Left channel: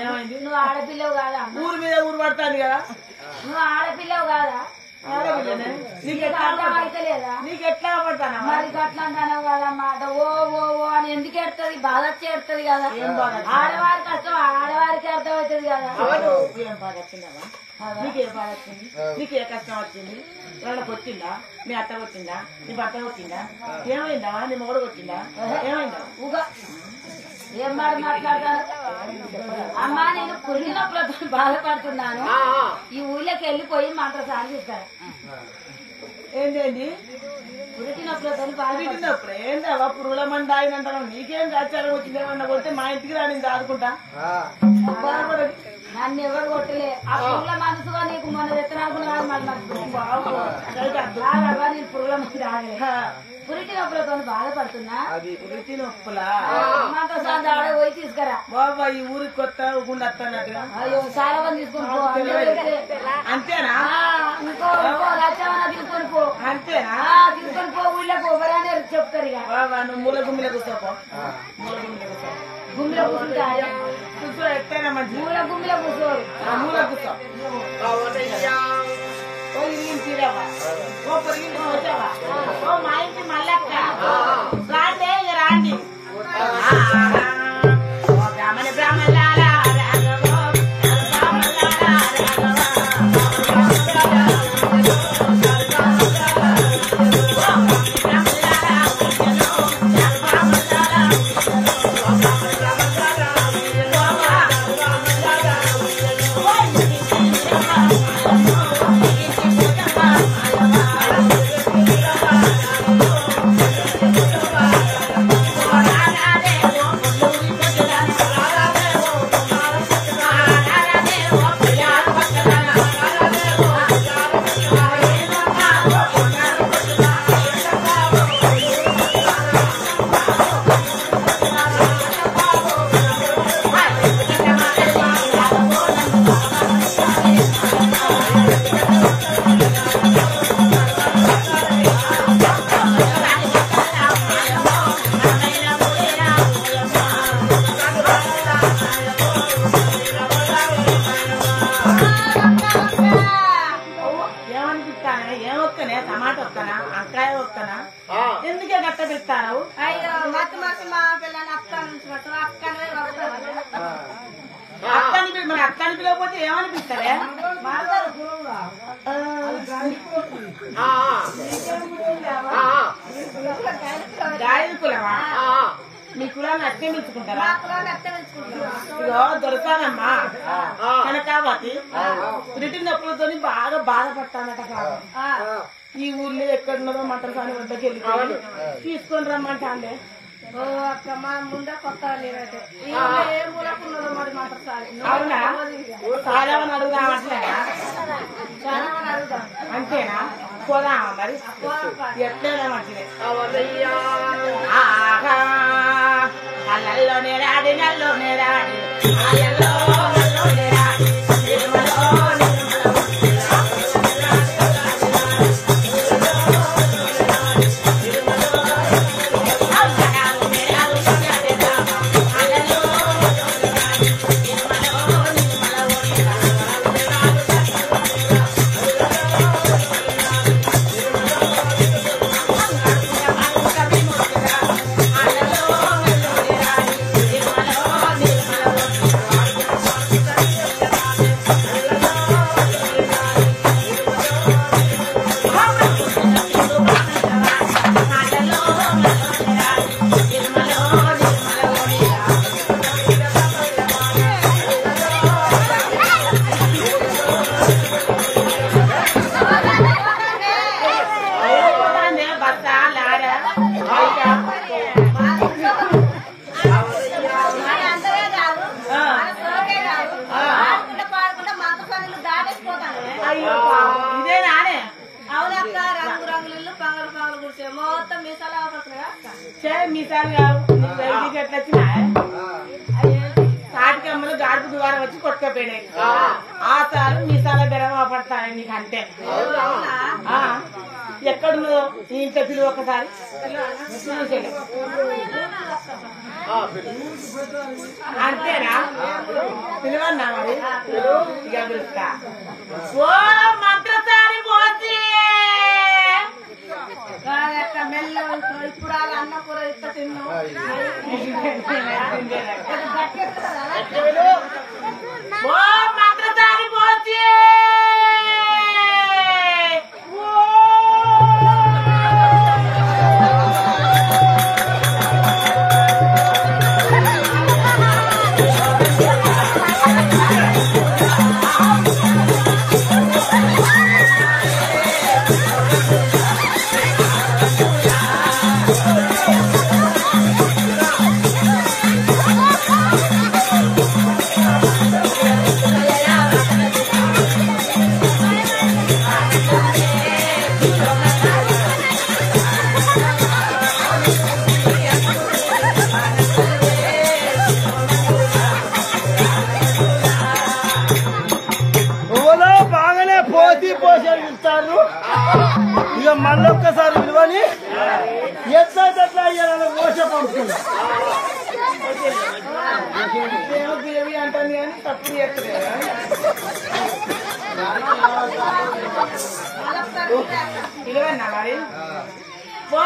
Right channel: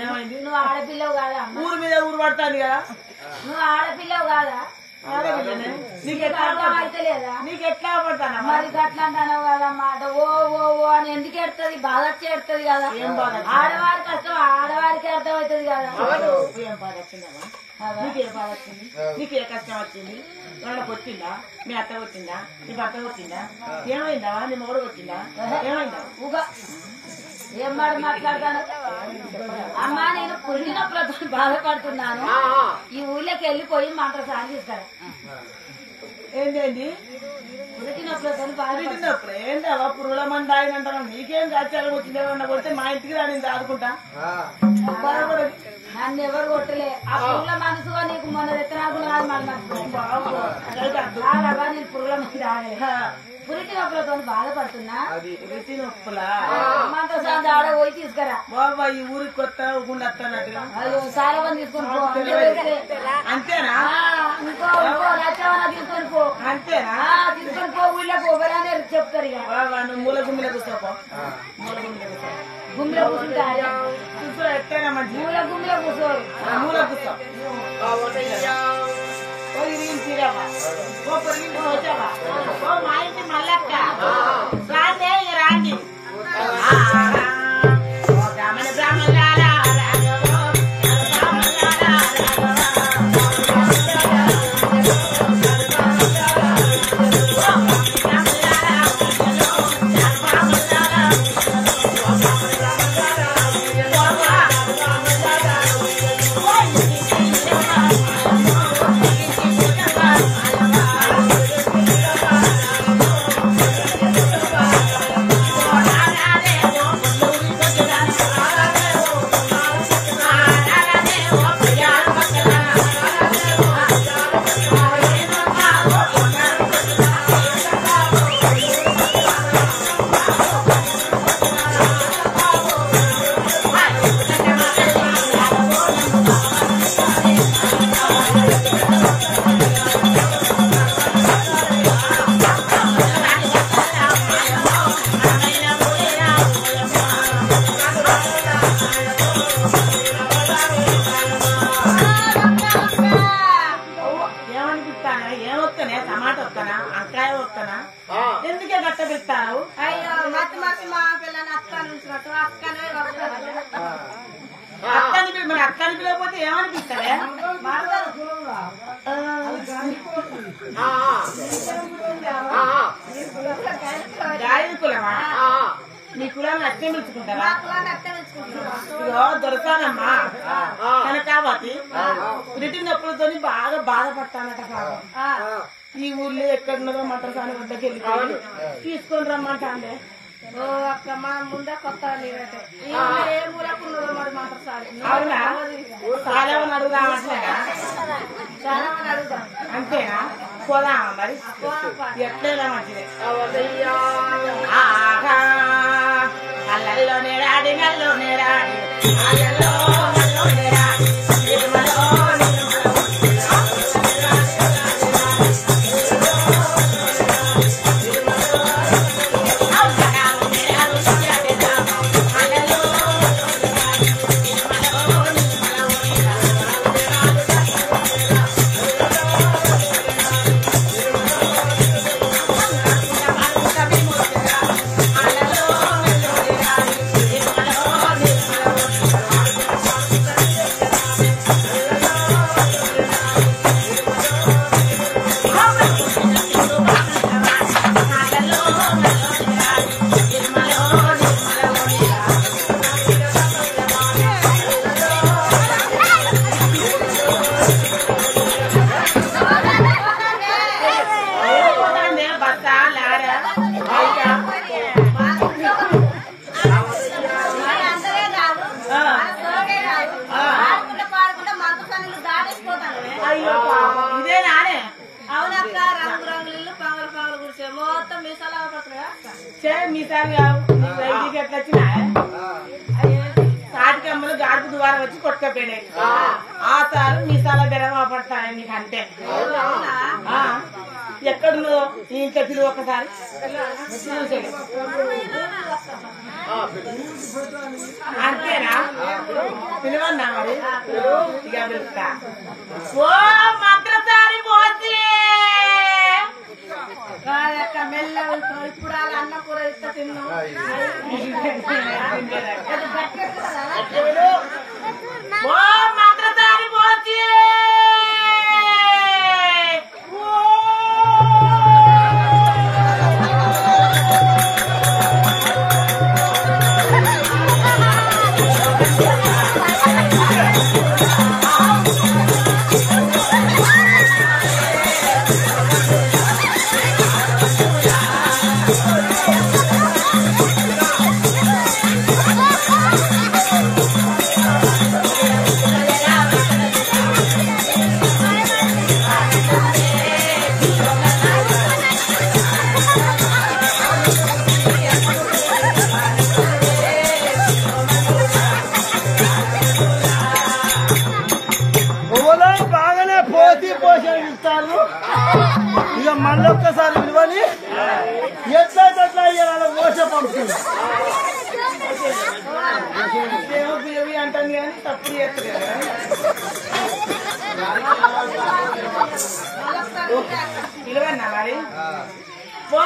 ఏమైంది? నువ్వు ఆడపిల్లవు కాదా? ఊరు మీద ఊరు పడుతుంది కదా. నువ్వు ఆడపిల్లవు కాదా? అయితే లేదా? నీకు ఎట్లా పడతానా? మరి అట్లా అంటావు కదమ్మా. ఓ ఓ ఓ అని ఎందుకు ఎడుతుంది? బాధ వచ్చి ఎడుతుంది కదా. ఆడవారి కష్టం ఆడవారికి అర్థమవుతుంది కదా. ఏం బాధ వచ్చిందమ్మా? నీకేం బాధ వచ్చింది? నీకు ఏ కష్టం వచ్చింది? వాళ్ళకి వచ్చిందా? మీ అత్తకు వచ్చిందా? నీ భర్తకు వచ్చిందా? ఏమైందా? నీ మొగడుకు వచ్చిందా? ఏమైందా? ఊగా ఏం మాట మాట్లాడతాను అమ్మా. నేను పురిగినప్పుడు బాధపడుతున్నాను. ఈ ఊళ్ళోకి వెళ్ళిపోయి మంత్ర సాగిస్తాను. ఏంటండి పురిగినప్పుడు బాధ పుట్టినప్పుడు ఏంటవా పురుగుల మంది ఆయనంటాను. నీకేం ఆచారం వచ్చిందేమన్నా కొడితే మా ఇంటికి రాని ఆదుకుంటా. నన్ను ఎవరు కొట్టలే. ఆ పురుగుల మనసుగా నీకు మొన్న రెత్తనాడుకున్నా మాకు నచ్చుకోవా. నేను పురుగుల మంది ఆగలే. పురిటి నొప్పులతో బాధపడుతున్నా. పురిటి నొప్పులా? మంత్ర సాంత ఆడ పోయి తీసుకురా బాబా. ఈ ఊరికి కొత్త ఊకుండా వస్తున్నట్టుగా. అయ్యో చాలా మంది తీసుకొని పో. అంతేనా? ఇంకో లచ్చవనా తీసుకొని పో. అంతేనా? తీసుకొని పో. ఊళ్ళో పోవరానే చెప్తారు ఇక. బాబా నువ్వు మూల గుమ్మిల కూర్చోపో. మూల గుమ్మిల కూర్చో. గుమ్మిలో కూర్చుంటారు. కూర్చో. ఎట్టైనా మంచి మూల గుమ్మిలో కూర్చోరు. మూల కూర్చో. ఓ ఇరిగిన తీరవా? ఓ పొరిగిన వచ్చావా? ఓ మా ఇంటి మల్లక్క రాండే ఇక రాండి. ఓ బ్రాహ్మణ బ్రాహ్మణులారా రాఘవో బ్రాహ్మణులారా టమాటా వస్తానా? అంకాయ వస్తానా? ఎందుకే గట్ట పెడతాను? అయ్యో మత్తు మత్తు మా పిల్లని అక్క నుంచి అక్కనే వస్తారు. మన అక్కని పిలవకపోతే ఏమనిపిస్తారే? గాయని కులమా? మీ కులాన్ని అట్టే మెచ్చుకుంటారా? ఇగో దొరకానమ్మా కనకావతి పురిటి నొప్పులతో బాగా బాధపడతానట. ఈ ఊర్లో ఎక్కడున్నదో మంత్రసాని వద్దకు వెళ్ళిపోయి తీసుకొని రమ్మంటాండే. ఓ అక్క మనం ముందే కొత్త లేదంటే ఏ మూలకున్నదో మరి మంత్రసాని. అవునా? చాలా మంది అడుగుదామంటేనా? చాలా మంది అడుగుదాం. అంతేనా? పోదామా మరి? ఎట్లయినా మంచిదే. అల్లల్లో నేరాడి నల్లో నేరాడి అల్లల్లో నల్లో నేరాడి నిర్మలో అయ్యో పాపం ఇదే నానే. అవునక్క రంగు రంగులు పంగలు పంగలు గురిసే మొత్తం మీసాలు అవపడుతున్నాయా? మీసాలు కావు. రైతుకి ఎట్లా వచ్చినా తాటికమ్మలు గాడుపు ద్వారా వచ్చి కొట్టుకపోయినాయి. ఆ సార్లు మీసాల బెరవ పడతాయి నీకు. అంతే ఎక్కడున్నదో ఈ ఇంత పిలువ ఒకసారి అంతేనా పిలువన్నా మరి ఇక పిలుస్తా ఓ మంత్రసారి పోతే మెల్లగా ఇప్పుడు వాళ్ళ అన్న కూర ఇస్తా తిన్నాం ఓ మంత్రసారి పోతే పోషిస్తారు ఇక మళ్ళొక్కసారి విలువని ఎట్లా ఇవాళ మోస పంపుతుంది ఏమో బియ్యవి అంటాను కానీ తప్పుడు చేస్తారు కదా పిలువన్నా మరి ఓ